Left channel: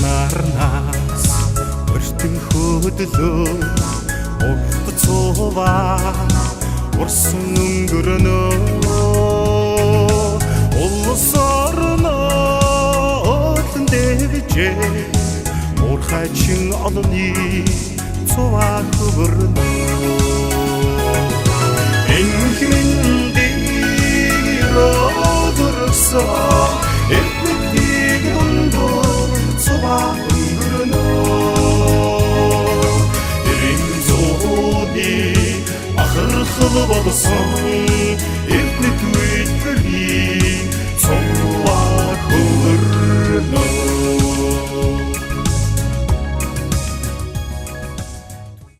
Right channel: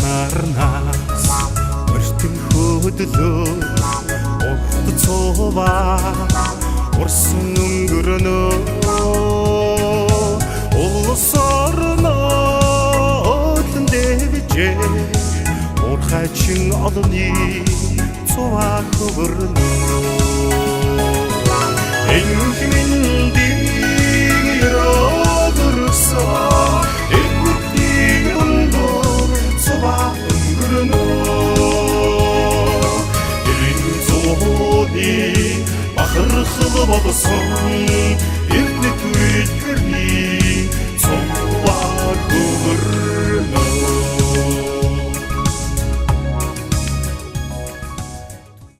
нарнаас өртөн хөдлөө урт цуваа урсан өнгөрнөө улс орноо өдлөн дэвжээ урхачин олонний цуваа хөвөрнөө энхмэндийн өрөөдөрсөн эрдмэтийн дундуур цуваа өнгөрнөө эрийн зууны бахархал болсон эрдэнэт үедэрийн цуваа хөвөрнөө